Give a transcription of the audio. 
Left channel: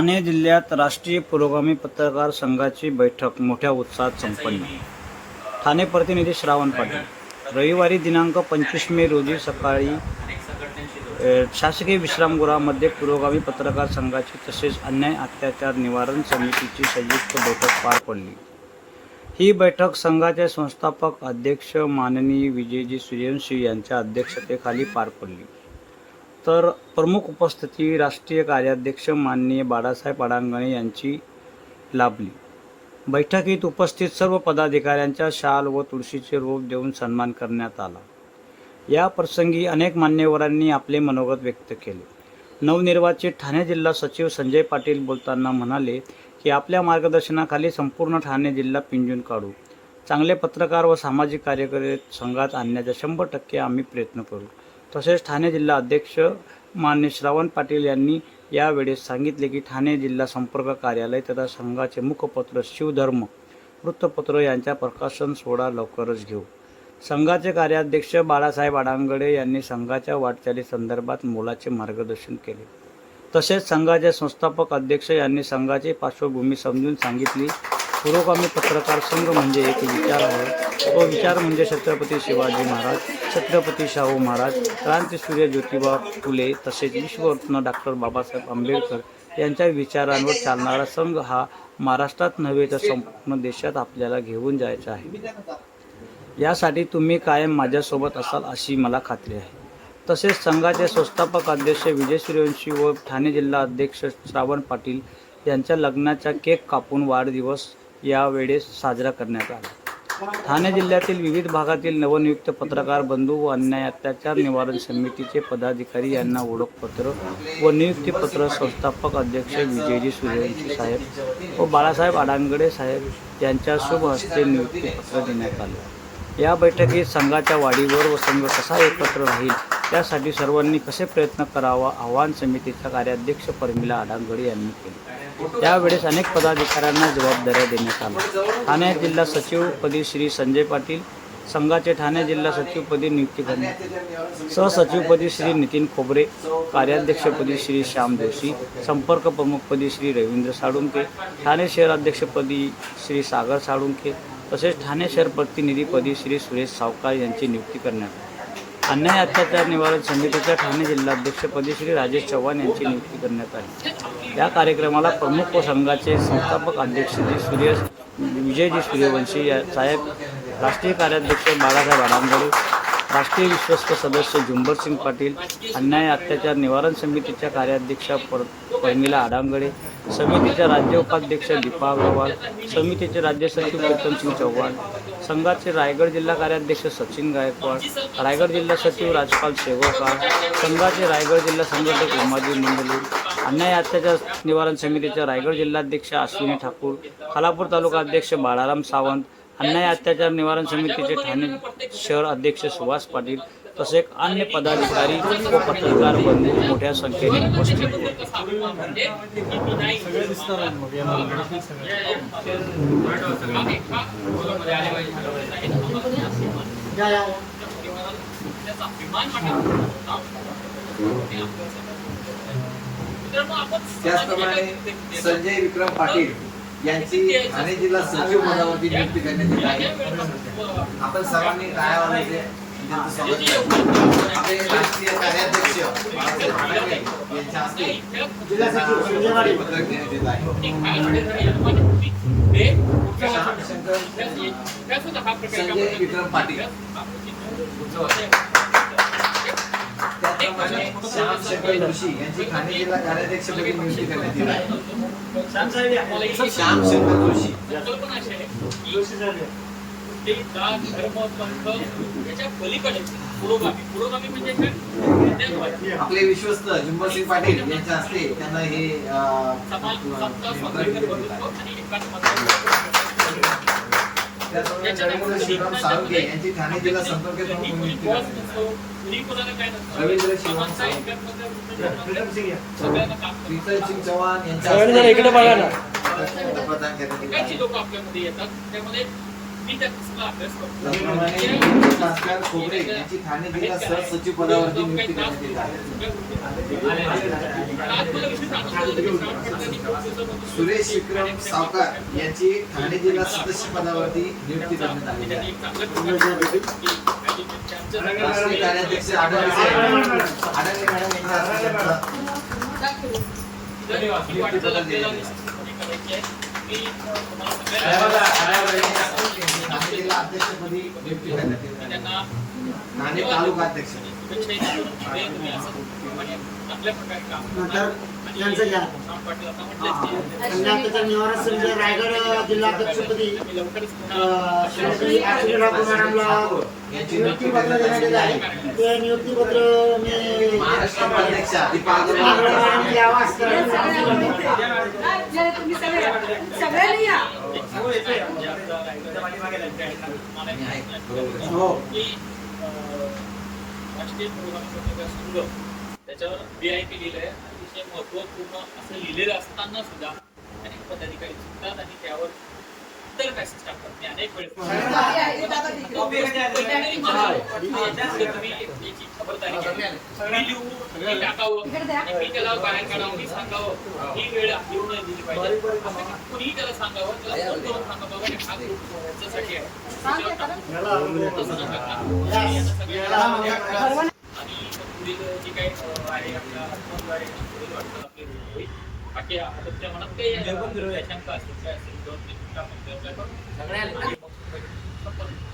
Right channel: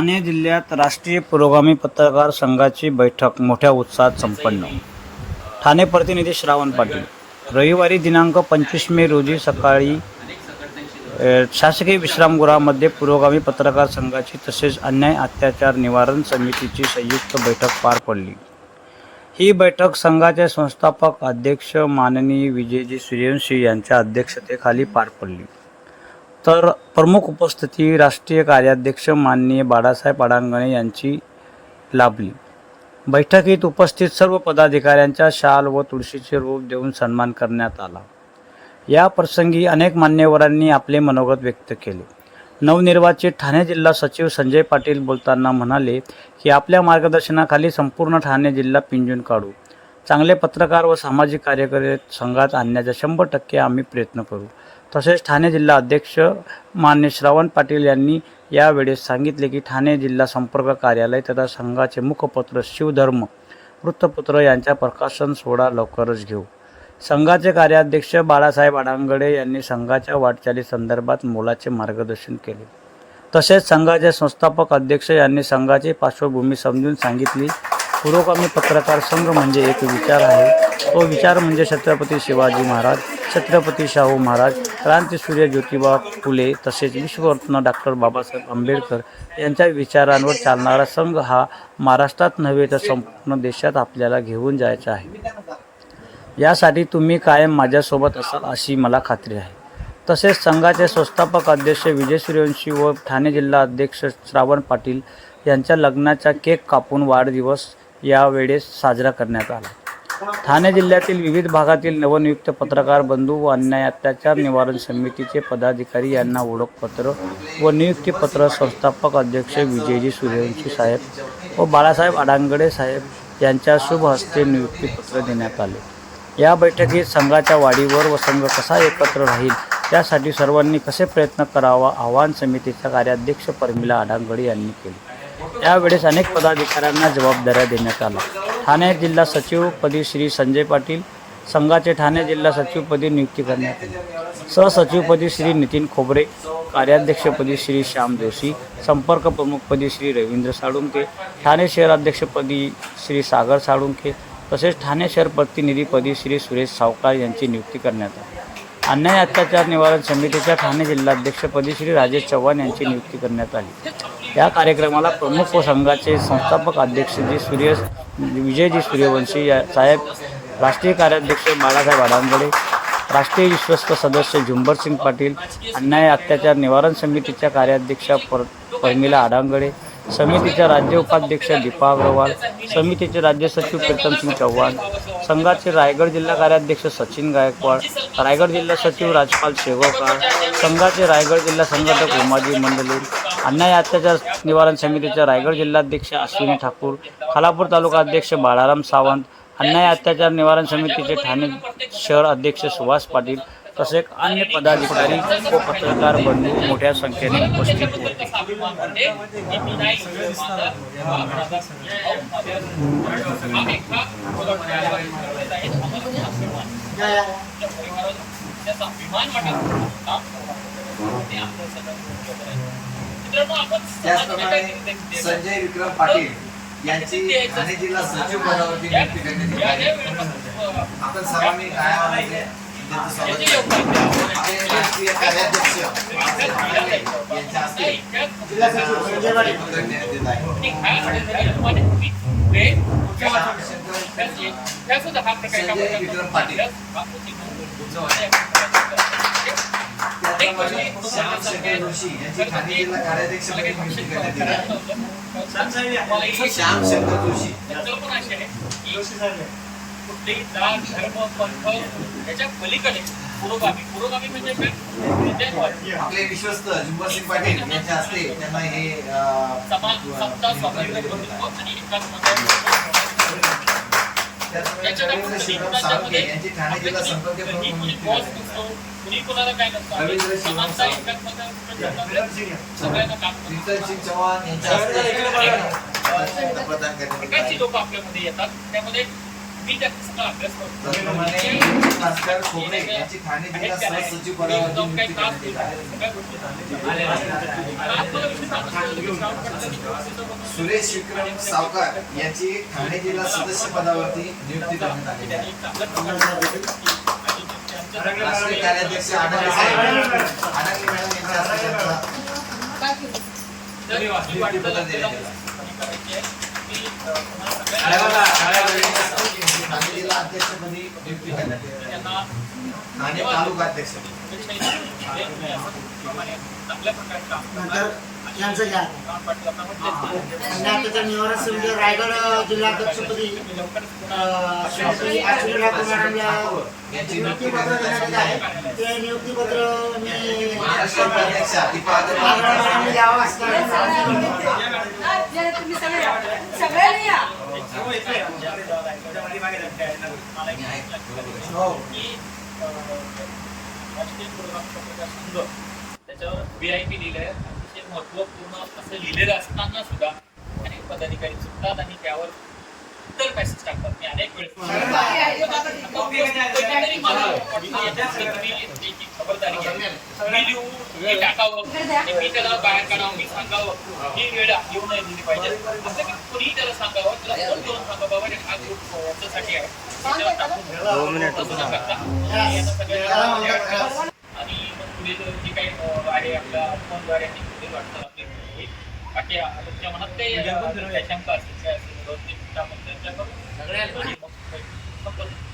ठाणे जिल्ह्यात राष्ट्रीय पुरोगामी पत्रकार संघाची बैठक मोठ्या उत्साहात संपन्न. ठाणे प्रतिनिधी श्रावण पाटील. रविवारी दिनांक पंचवीस मे रोजी सकाळी शासकीय विश्रामगृहामध्ये पुरोगामी पत्रकार संघाची तसेच अन्याय अत्याचार निवारण समितीची संयुक्त बैठक पार पडली. ही बैठक संघाचे संस्थापक अध्यक्ष माननीय विजयजी सूर्यवंशी यांच्या अध्यक्षतेखाली पार पडली. तर प्रमुख उपस्थिती राष्ट्रीय कार्याध्यक्ष माननीय बाळासाहेब अडांगणे यांची लाभली. बैठकीत उपस्थित सर्व पदाधिकाऱ्यांच्या शाल व तुळशीचे रूप देऊन सन्मान करण्यात आला. या प्रसंगी अनेक मान्यवरांनी आपले मनोगत व्यक्त केले. नवनिर्वाचित ठाणे जिल्हा सचिव संजय पाटील बोलताना म्हणाले की आपल्या मार्गदर्शनाखाली संपूर्ण ठाणे जिल्हा पिंजून काढू. चांगले पत्रकार व सामाजिक कार्यकर्ते संघात आणण्याचा शंभर टक्के आम्ही प्रयत्न करू. तसेच ठाणे जिल्हा अध्यक्ष मान्य श्रावण पाटील यांनी यावेळेस सांगितले की ठाणे जिल्हा संपर्क कार्यालय तथा संघाचे मुखपत्र शिवधर्म वृत्तपत्र यांचा प्रकाशन सोहळा लवकरच घेऊ. संघाचे कार्याध्यक्ष बाळासाहेब आडांगडे यांनी संघाच्या वाटचाली संदर्भात मोलाचे मार्गदर्शन केले. तसेच संघाचे संस्थापक अध्यक्ष यांनी संघाची पार्श्वभूमी समजून सांगितली. पुरोगामी पत्रकार संघ म्हणजे एक विचार आहे. तो विचार म्हणजे छत्रपती शिवाजी महाराज. छत्रपती शाहू महाराज क्रांतीसूर्य ज्योतिबा फुले तसेच विश्वरत्न डॉक्टर बाबासाहेब आंबेडकर यांच्या विचारांवर चालणारा संघ हा महाराष्ट्रात नव्हे तर संपूर्ण देशात आपल्याला घेऊन जायचा आहे. यासाठी तुम्ही कायम माझ्यासोबत असाल अशी मला खात्री आहे. तसेच संघाचे संस्थापक अध्यक्ष विजय सूर्यवंशी व ठाणे जिल्हा अध्यक्ष श्रावण पाटील यांच्या लग्नाचा केक कापून वाढदिवस यावेळेस साजरा करण्यात आला. ठाणे जिल्ह्यातील विविध भागातील नवनियुक्त पत्रकार बंधू व अन्याय अत्याचार निवारण समितीचे पदाधिकारी यांना ओळखपत्र व नियुक्तीपत्र संस्थापक अध्यक्ष विजयजी सूर्यवंशी साहेब व बाळासाहेब आडांगडे साहेब यांच्या शुभ हस्ते नियुक्तीपत्र देण्यात आले. या बैठकीत संघाच्या वाढीवर व संघ कसा एकत्र राहील त्यासाठी सर्वांनी कसे प्रयत्न करावा आवाहन समितीच्या कार्याध्यक्ष परमिला आडांगडे यांनी केले. यावेळेस अनेक पदाधिकाऱ्यांना जबाबदाऱ्या देण्यात आल्या. ठाणे जिल्हा सचिवपदी श्री संजय पाटील संघाचे ठाणे जिल्हा सचिवपदी नियुक्ती करण्यात आली. सहसचिवपदी श्री नितीन खोबरे कार्याध्यक्षपदी श्री श्याम जोशी संपर्क प्रमुखपदी श्री रवींद्र साळुंके ठाणे शहराध्यक्षपदी श्री सागर साळुंके तसेच ठाणे शहर प्रतिनिधीपदी श्री सुरेश सावकार यांची नियुक्ती करण्यात आली. अन्याय अत्याचार निवारण समितीच्या ठाणे जिल्हाध्यक्षपदी श्री राजेश चव्हाण यांची नियुक्ती करण्यात आली. या कार्यक्रमाला प्रमुख व संघाचे संस्थापक अध्यक्ष श्री सुरेश विजयजी सूर्यवंशी या साहेब राष्ट्रीय कार्याध्यक्ष बाळासाहेब आडांगडे राष्ट्रीय विश्वस्त सदस्य झुंबरसिंग पाटील अन्याय अत्याचार निवारण समितीच्या कार्याध्यक्षा पर परमिला आडांगडे समितीच्या राज्य उपाध्यक्ष दीपा अग्रवाल समितीचे राज्य सचिव प्रीतमसिंग चव्हाण संघाचे रायगड जिल्हा कार्याध्यक्ष सचिन गायकवाड रायगड जिल्हा सचिव राजपाल शेवकार संघाचे रायगड जिल्हा संघटक उमाजी मंडले अन्याय अत्याचार निवारण समितीच्या रायगड जिल्हाध्यक्ष अश्विनी ठाकूर खालापूर तालुका अध्यक्ष बाळाराम सावंत अन्याय अत्याचार निवारण समितीचे ठाणे शहर अध्यक्ष सुभाष पाटील तसेच अन्य पदाधिकारी व पत्रकार बंधू मोठ्या संख्येने उपस्थित होते त्याचप्रमाणे संजय विक्रम पाटील यांची ठाणे जिल्हा सचिव पदावरती नियुक्ती करण्यात येत आहे आपण सर्वांनी टाळ्या वाजवायचे. त्यांचं स्वागत करू. कार्याध्यक्ष यांच्या हस्ते आहे श्याम शंकर जोशी कुठलेही जात धर्म पंथ याच्या पलीकडे पुरोगामी. पुरोगामी म्हणजे काय. आपले विश्वस्त झुंबरसिंग पाटील यांच्या हस्ते त्यांना हे स्वाभिमान बंधुत्व आणि सिंग चव्हाण यांच्या. लोक आपल्यामध्ये येतात. त्यामध्ये भास्कर खोबरे यांची ठाणे जिल्हा सहसचिव पदावरती नियुक्ती करण्यात येत आहे. सुरेश विक्रम सावकार यांची ठाणे जिल्हा सदस्य पदावरती नियुक्ती करण्यात आली आहे. राष्ट्रीय कार्याध्यक्ष आढळले साहेब आढळले मॅडम यांचा सगळ्यांचा ठाणे जिल्हा अध्यक्षपदी नियुक्ती करण्यात येत ठाणे तालुका अध्यक्ष. नंतर यांचं घ्या आता आणि आता रायगड जिल्हाध्यक्षपदी अध्यक्षपदी श्रीमती अश्विनी ठाकूर मॅडमला नियुक्तीपत्र देण्यात आलं आहे. ते नियुक्तीपत्र मी मॅडम द्यावं असं हो त्याच्यावर व्ही आय पी लिहिलंय. अतिशय महत्त्वपूर्ण असं लिहिलेलं असताना सुद्धा अनेक पदाधिकारी चुकतात आणि त्यावर इतर मेसेज टाकतात. मी अनेक वेळेस मला तुम्ही खबरदारी घ्या. मी लिहू मी टाकावं आणि मी त्याला बाहेर काढावं मी सांगावं. ही वेळ येऊ नाही दिली पाहिजे. असं की कुणीही त्याला सांगावं त्याला फोन घेऊन सांगावं बाबा हे ग्रुप याच्यासाठी आहे. त्याच्यावर टाकून करता मग जी काही आहे आपल्या फोनद्वारे ती पुढील होईल बाकी मनात काही शंका असतील काय असेल सगळ्या